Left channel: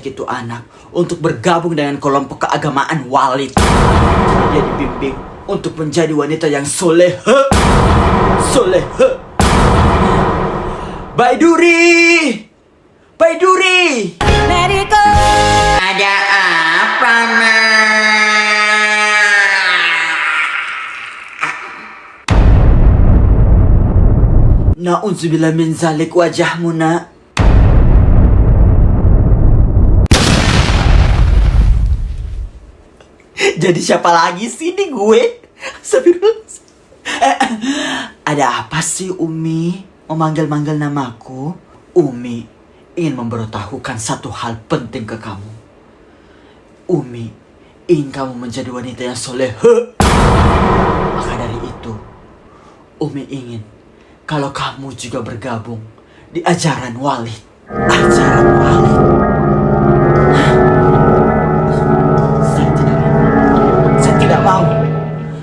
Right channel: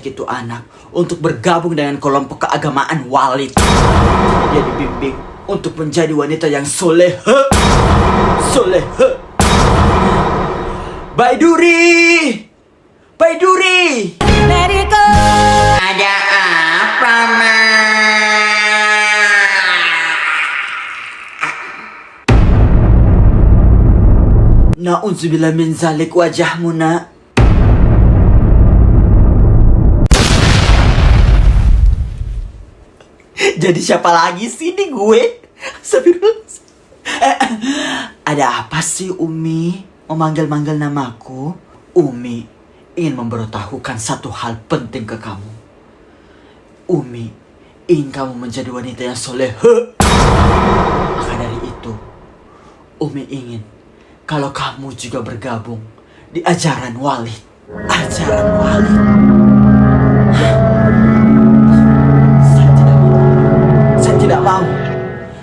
mengajak itu anak untuk bergabung dengan kelompok keagamaan Walid. Dia dibimbing untuk menjadi wanita yang soleha. Soleha. Baiduri! Baiduri! Let it go. Ada apa, Ma? Na'udzubillah min zalik wajahmu, nak. Jadi siapa lagi sih ini gue? Ada apa sih Umi memanggil-manggil namaku? Umi ingin memberitahukan satu hal penting ke kamu. Umi ingin kamu menjadi wanita yang soleha. Maka dari itu, Umi ingin kalau kamu juga bergabung di ajaran Walid. Ajaran Walid? Hah? Saya tidak mau. Saya tidak mau.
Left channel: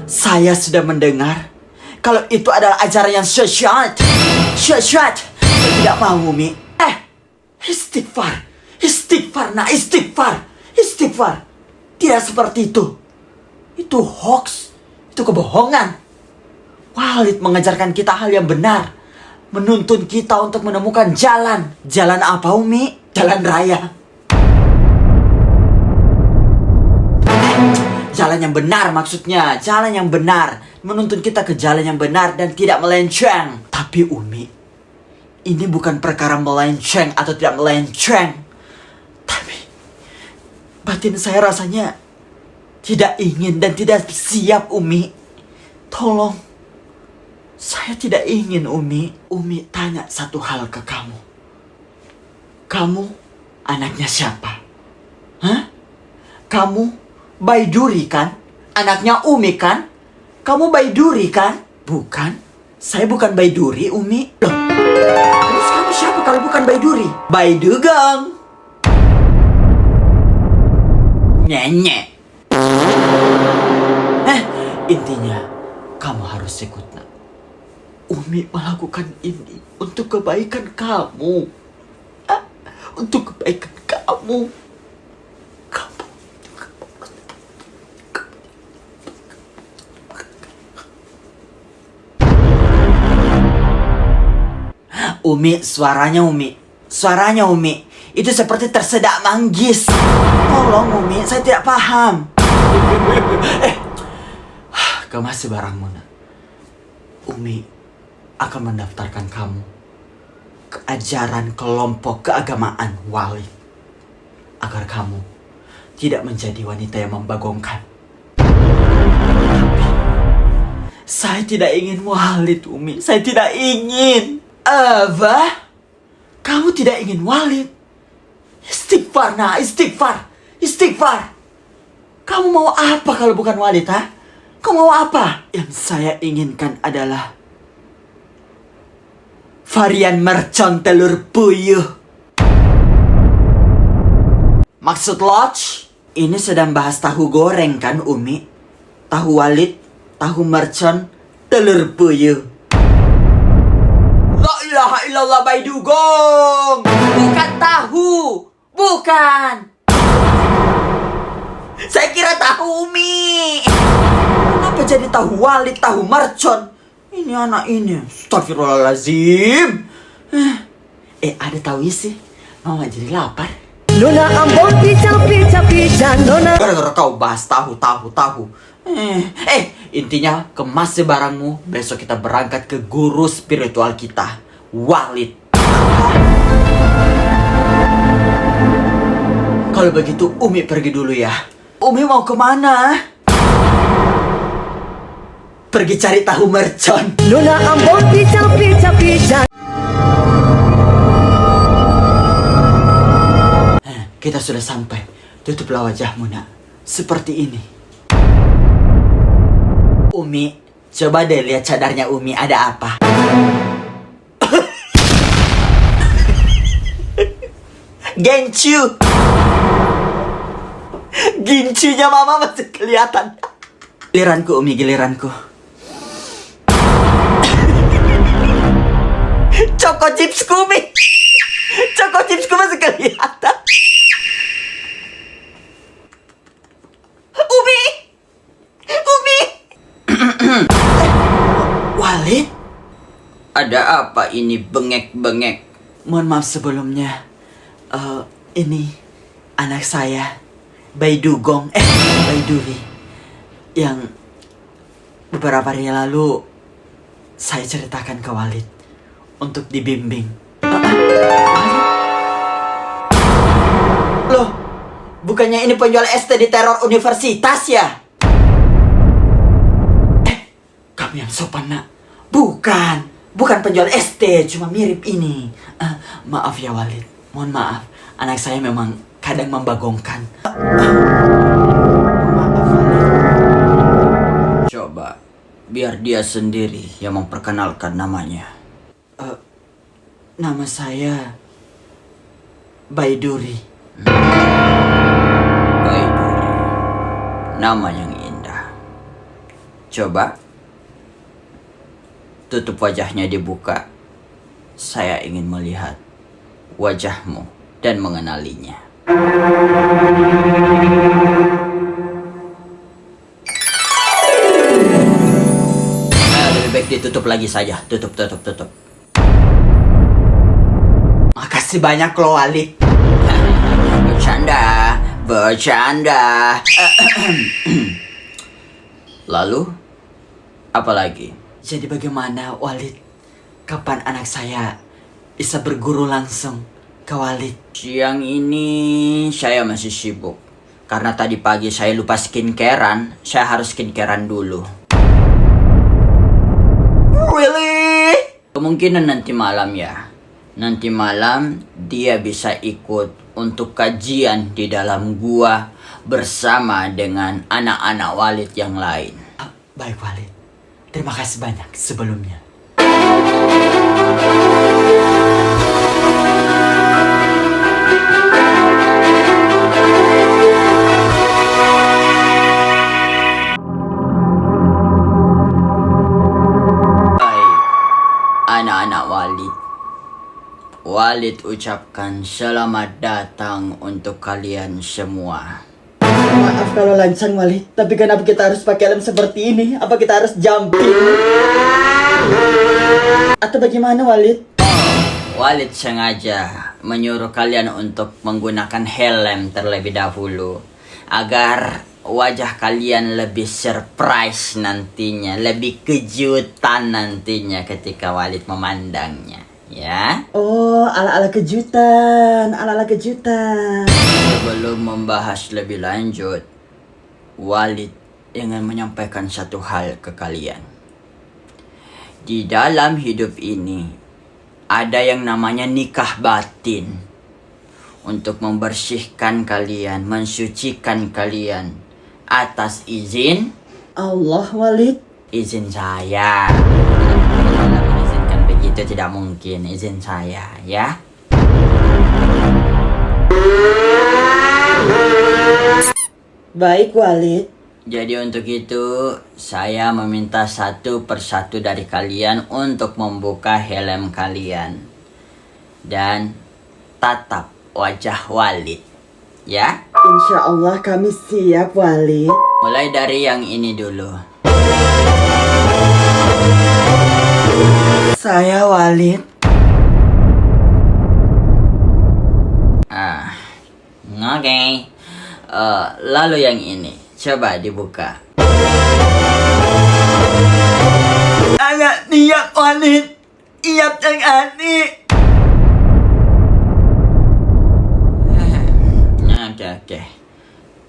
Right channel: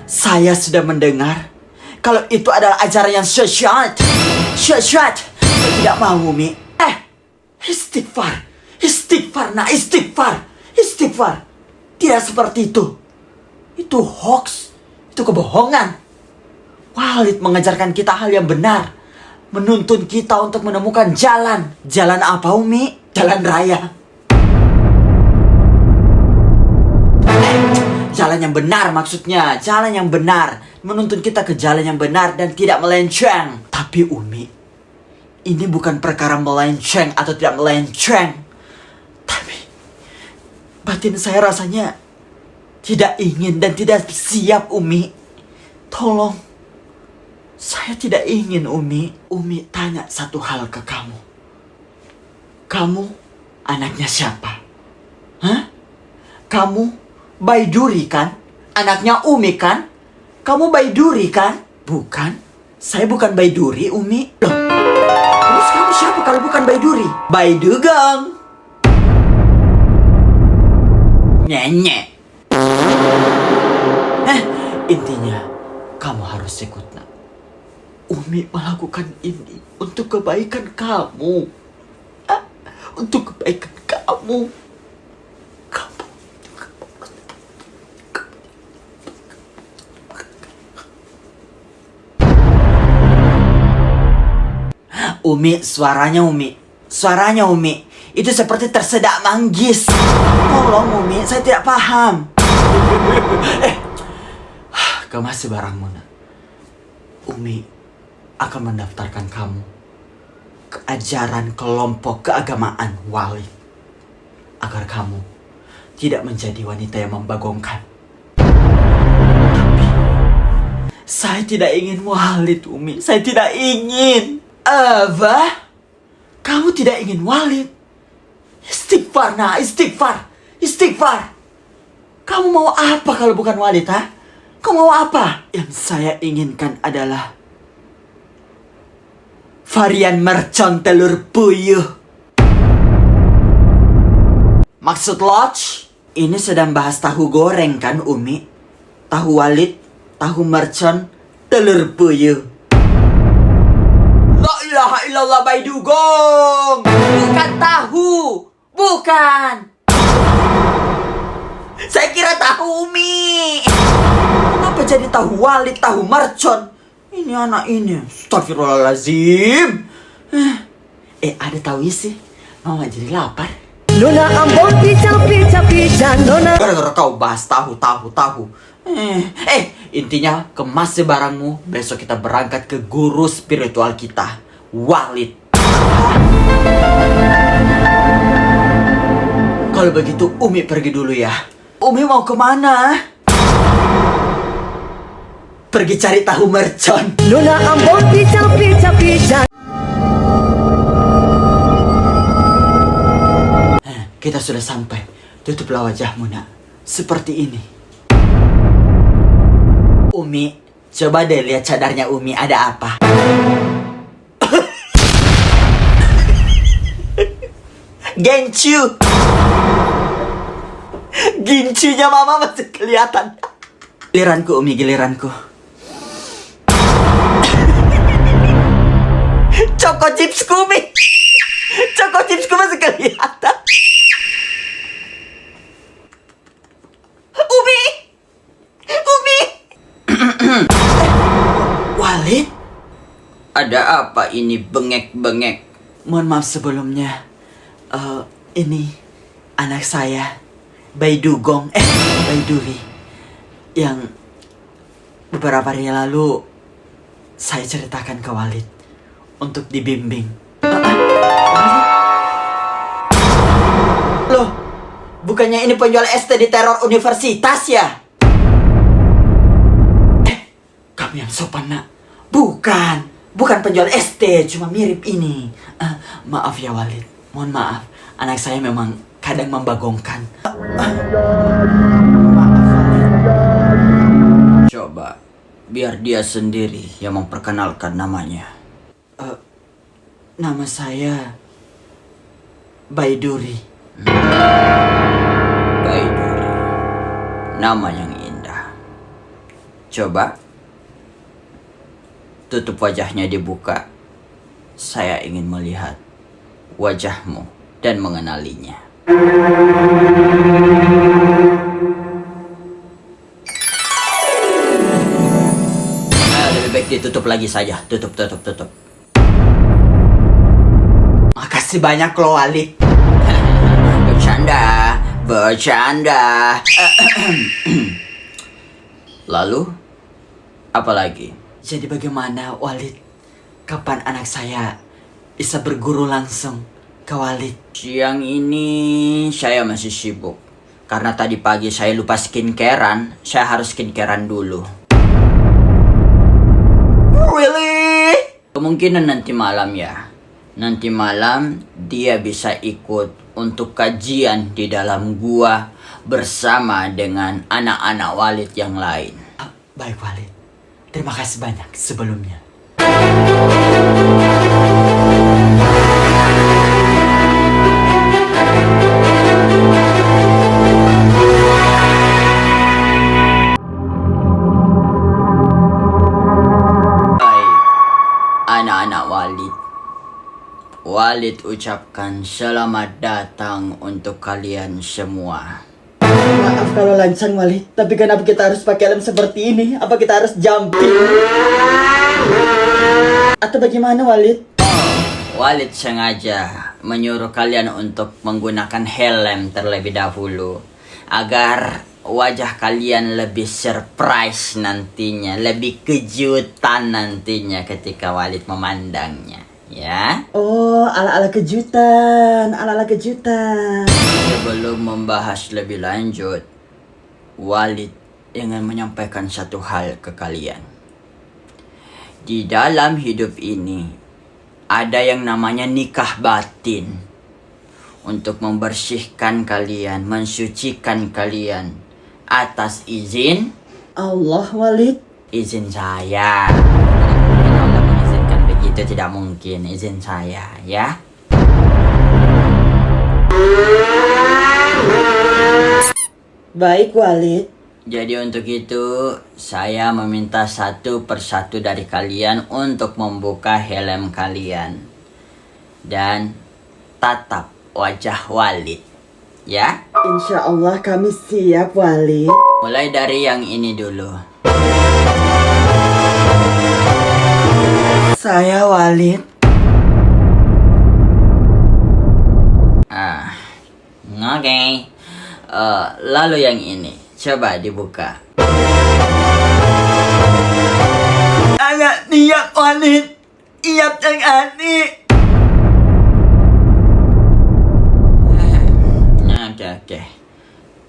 Saya sudah mendengar kalau itu adalah ajaran yang sesat. Sesat. Saya tidak mau, Umi. Istighfar. Istighfar, nah istighfar. Istighfar. Tidak seperti itu. Itu hoax. Itu kebohongan. Walid mengajarkan kita hal yang benar. Menuntun kita untuk menemukan jalan. Jalan apa, Umi? Jalan raya. Jalan yang benar maksudnya. Jalan yang benar. Menuntun kita ke jalan yang benar dan tidak melenceng. Tapi Umi, ini bukan perkara melenceng atau tidak melenceng. Tapi batin saya rasanya tidak ingin dan tidak siap, Umi. Tolong. Saya tidak ingin, Umi. Umi tanya satu hal ke kamu. Kamu anaknya siapa? Hah? Kamu Baiduri kan? Anaknya Umi kan? Kamu Baiduri kan? Bukan. Saya bukan Baiduri, Umi. Loh. Terus kamu siapa kalau bukan Baiduri? Baidugong. Nyenyek. Intinya kamu harus ikut, nak. Umi melakukan ini untuk kebaikan kamu. Untuk kebaikan kamu. Umi, suaranya Umi. Suaranya Umi. Itu seperti tersedak manggis. Tolong Umi, saya tidak paham. Kemas barangmu, nak. Umi akan mendaftarkan kamu ke ajaran kelompok keagamaan Walid agar kamu tidak menjadi wanita yang membagongkan. Tapi saya tidak ingin Walid, Umi. Saya tidak ingin. Apa? Kamu tidak ingin Walid? Istighfar, nah, istighfar. Istighfar. Kamu mau apa kalau bukan Walid, ha? Kamu mau apa? Yang saya inginkan adalah varian mercon telur puyuh. Maksud Lodge, ini sedang bahas tahu goreng kan, Umi? Tahu Walid, tahu mercon, telur puyuh. La ilaha illallah, Baidugong. Bukan tahu. Bukan. Saya kira tahu, Umi. Kenapa jadi tahu Walid, tahu mercon? Ini anak ini, astagfirullahaladzim. Ada tahu isi? Mama jadi lapar. Nona ambon pica nona. Gara-gara kau bahas tahu. Intinya kemas barangmu. Besok kita berangkat ke guru spiritual kita, Walid. Kalau begitu Umi pergi dulu ya. Umi mau kemana? Pergi cari tahu mercon. Nona ambon pica. Kita sudah sampai. Tutuplah wajahmu, nak. Seperti ini. Umi, coba deh lihat cadarnya Umi ada apa. Gencu. Gincunya mama masih kelihatan. Giliranku, Umi, giliranku. Choco chipsku, Umi. Choco chipsku masih kelihatan. Walid? Ada apa ini bengek-bengek? Mohon maaf sebelumnya. Ini anak saya, Baidugong, Baiduri, yang beberapa hari lalu saya ceritakan ke Walid untuk dibimbing. Walid? Loh, bukannya ini penjual ST di teror universitas ya? Kamu yang sopan, nak. Bukan penjual ST, cuma mirip ini. Maaf ya Walid, mohon maaf. Anak saya memang kadang membagongkan. Maaf Walid. Coba, biar dia sendiri yang memperkenalkan namanya. Nama saya Baiduri. Baiduri. Nama yang indah. Coba, tutup wajahnya dibuka. Saya ingin melihat wajahmu dan mengenalinya. Lebih baik ditutup lagi saja. Tutup. Makasih banyak loh Walid. Bercanda. Lalu, apa lagi? Jadi bagaimana Walid? Kapan anak saya bisa berguru langsung ke Walid? Siang ini saya masih sibuk. Karena tadi pagi saya lupa skincarean. Saya harus skincarean dulu. Really? Kemungkinan nanti malam ya. Nanti malam dia bisa ikut untuk kajian di dalam gua bersama dengan anak-anak Walid yang lain. Baik Walid. Terima kasih banyak sebelumnya. Baik, anak-anak Walid. Walid ucapkan selamat datang untuk kalian semua. Maaf kalau lancang Walid, tapi kenapa kita harus pakai helm seperti ini? Apa kita harus jumping? Atau bagaimana Walid? Walid sengaja menyuruh kalian untuk menggunakan helm terlebih dahulu agar wajah kalian lebih surprise nantinya, lebih kejutan nantinya ketika Walid memandangnya, ya. Oh, ala-ala kejutan, ala-ala kejutan. Sebelum membahas lebih lanjut, Walid ingin menyampaikan satu hal ke kalian. Di dalam hidup ini, ada yang namanya nikah batin. Untuk membersihkan kalian, mensucikan kalian. Atas izin Allah Walid. izin saya. Tidak mungkin Allah mengizinkan begitu, tidak mungkin. Izin saya, ya. Baik Walid. Jadi untuk itu, saya meminta satu persatu dari kalian untuk membuka helm kalian. Dan tatap wajah Walid, ya. Insya Allah kami siap Walid. Mulai dari yang ini dulu. Saya Walid. Oke. Lalu yang ini, coba dibuka. Anak niat Walid. Iap yang ani. Oke.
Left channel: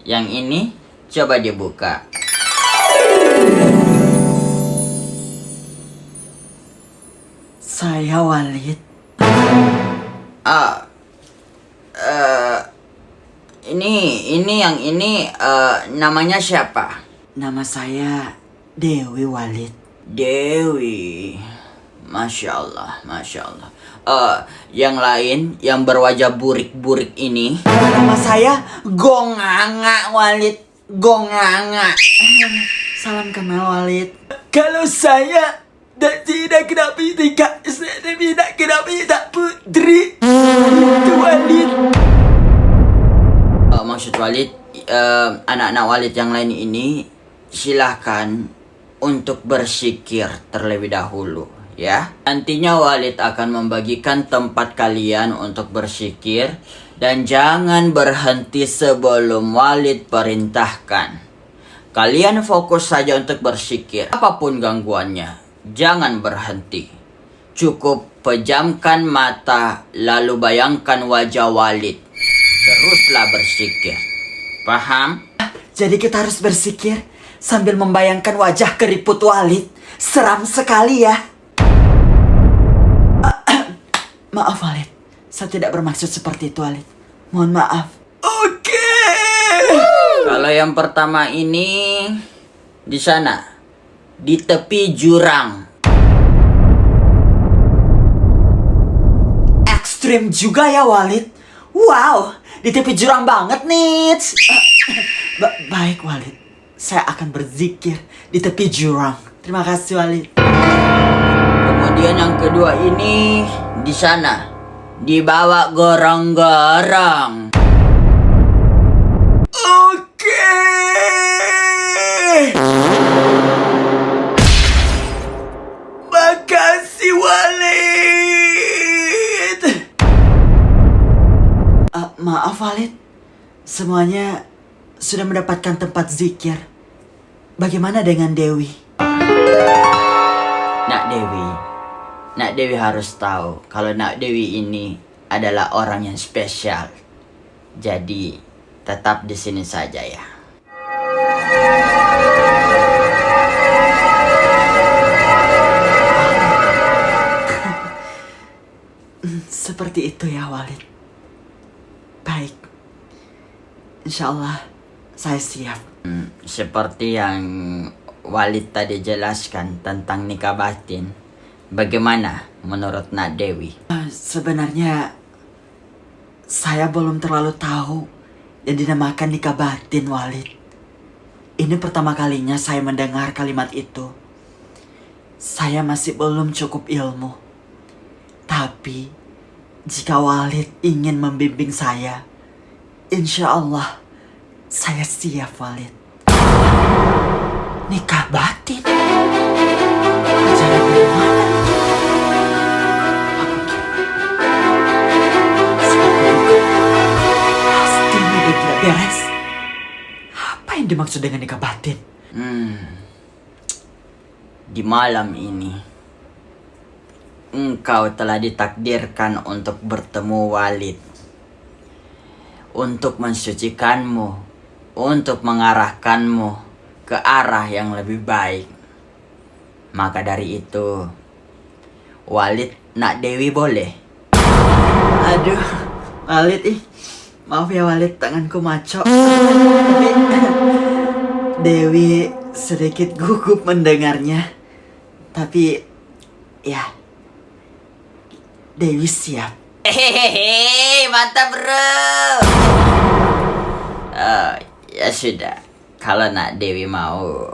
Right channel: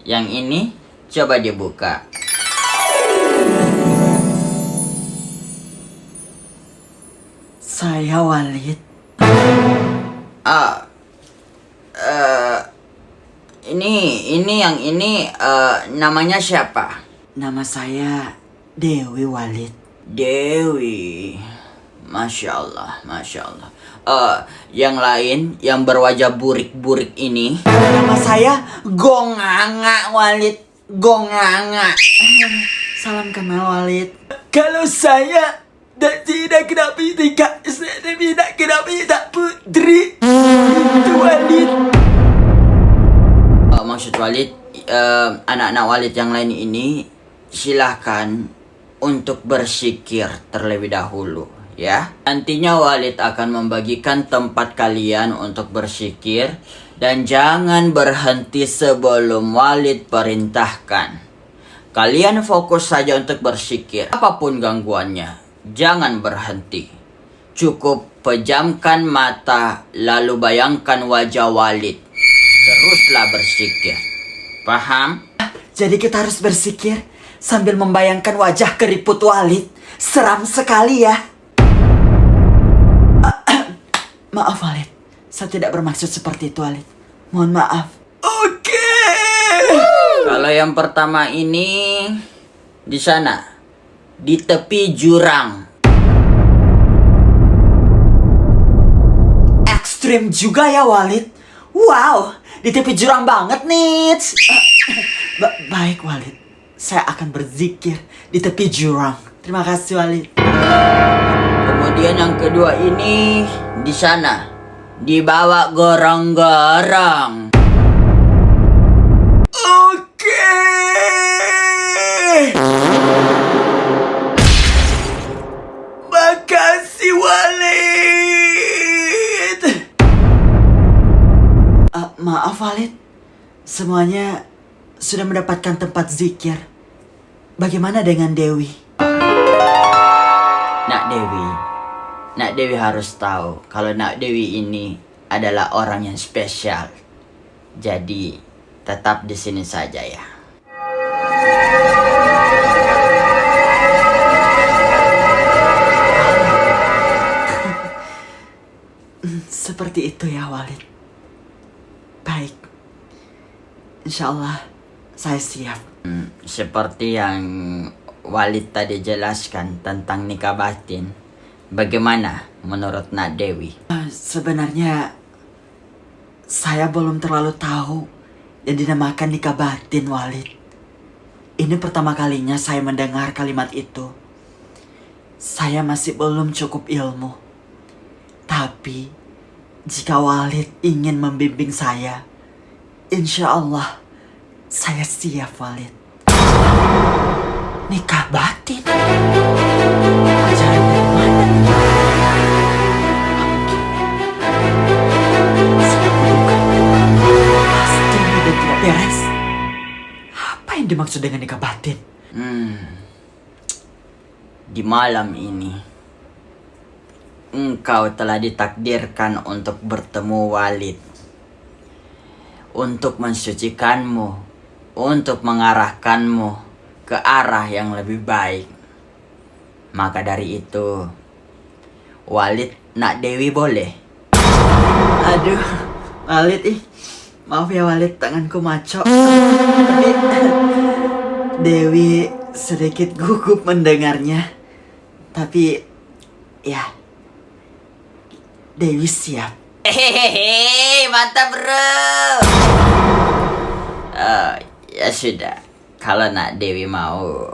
Yang ini, coba dibuka. Saya Walid. Ini yang ini namanya siapa? Nama saya Dewi Walid. Dewi. Masya Allah. Yang lain yang berwajah burik-burik ini. Nama saya Gonganga Walid. Gonganga. Salam kenal Walid. Kalau saya tidak kenapa saya tidak kenapa putri. Itu Walid. Maksud Walid, anak-anak Walid yang lain ini silahkan untuk berzikir terlebih dahulu ya. Nantinya Walid akan membagikan tempat kalian untuk berzikir dan jangan berhenti sebelum Walid perintahkan. Kalian fokus saja untuk berzikir. Apapun gangguannya, jangan berhenti. Cukup pejamkan mata lalu bayangkan wajah Walid. Teruslah berzikir. Paham? Jadi kita harus berzikir sambil membayangkan wajah keriput Walid. Seram sekali ya. Maaf Walid, saya tidak bermaksud seperti itu Walid. Mohon maaf. Oke. Kalau yang pertama ini di sana, di tepi jurang. Ekstrim juga ya Walid. Wow, di tepi jurang banget nih. Baik Walid, saya akan berzikir di tepi jurang. Terima kasih Walid. Kemudian yang kedua ini di sana, di bawah gorong-gorong. Oke. Makasih Walid. Maaf Walid, semuanya sudah mendapatkan tempat zikir. Bagaimana dengan Dewi? Nak Dewi harus tahu kalau Nak Dewi ini adalah orang yang spesial. Jadi tetap di sini saja ya. Seperti itu ya Walid. Baik. Insya Allah saya siap. Seperti yang Walid tadi jelaskan tentang nikah batin. Bagaimana menurut Nak Dewi? Sebenarnya saya belum terlalu tahu yang dinamakan nikah batin Walid. Ini pertama kalinya saya mendengar kalimat itu. Saya masih belum cukup ilmu. Tapi jika Walid ingin membimbing saya, insya Allah saya siap Walid. Nikah batin? Ajaran dari mana? Mungkin saya bukan. Pasti ini dan tidak beres. Apa yang dimaksud dengan nikah batin? Di malam ini, engkau telah ditakdirkan untuk bertemu Walid. Untuk mensucikanmu, untuk mengarahkanmu ke arah yang lebih baik. Maka dari itu, Walid Nak Dewi boleh? Aduh, Walid maaf ya Walid, tanganku maco. Tapi Dewi sedikit gugup mendengarnya. Tapi ya, Dewi siap. Hehehe, mantap bro. Ya sudah, kalau Nak Dewi mau.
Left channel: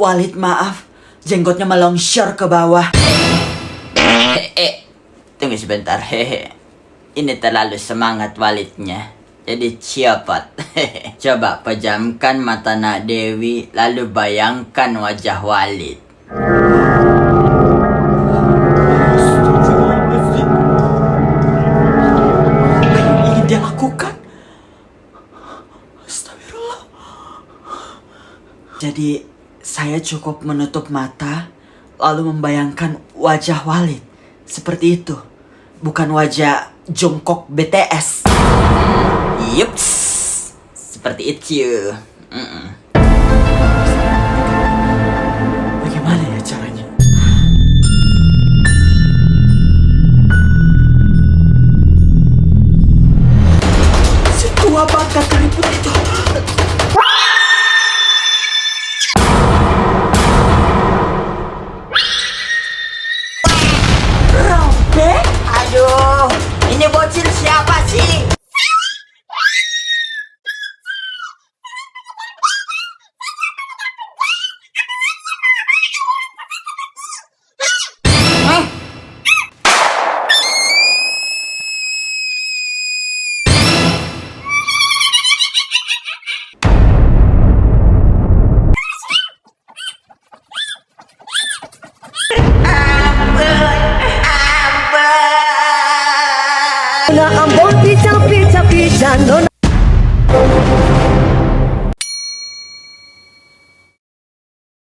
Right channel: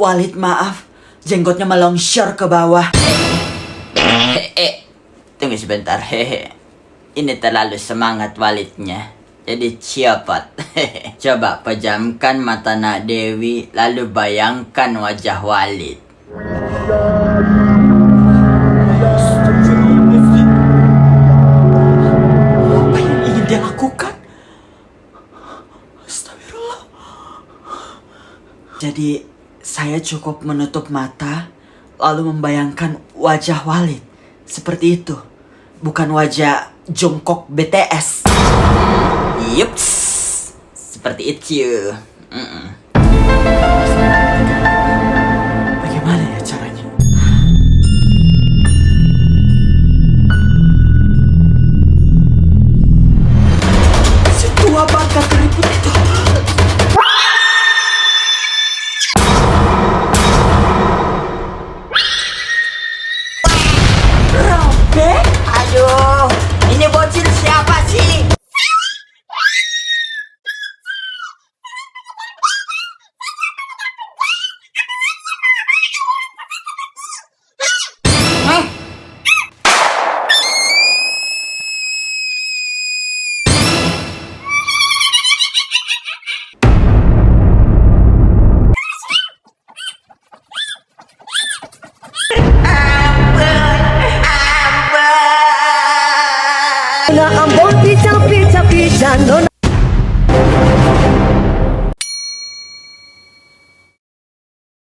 Walid maaf, jenggotnya melongsor ke bawah. Tunggu sebentar. Ini terlalu semangat Walidnya. Jadi cepat. Coba pejamkan mata Nak Dewi, lalu bayangkan wajah Walid. Apa yang ingin dia lakukan? Astagfirullah. Jadi saya cukup menutup mata lalu membayangkan wajah Walid seperti itu, bukan wajah jongkok BTS. Yups, seperti itu. Bagaimana ya caranya? Si tua bangka keriput itu. Robek? Aduh, ini bocil siapa sih? Na ambon pica pica pica nona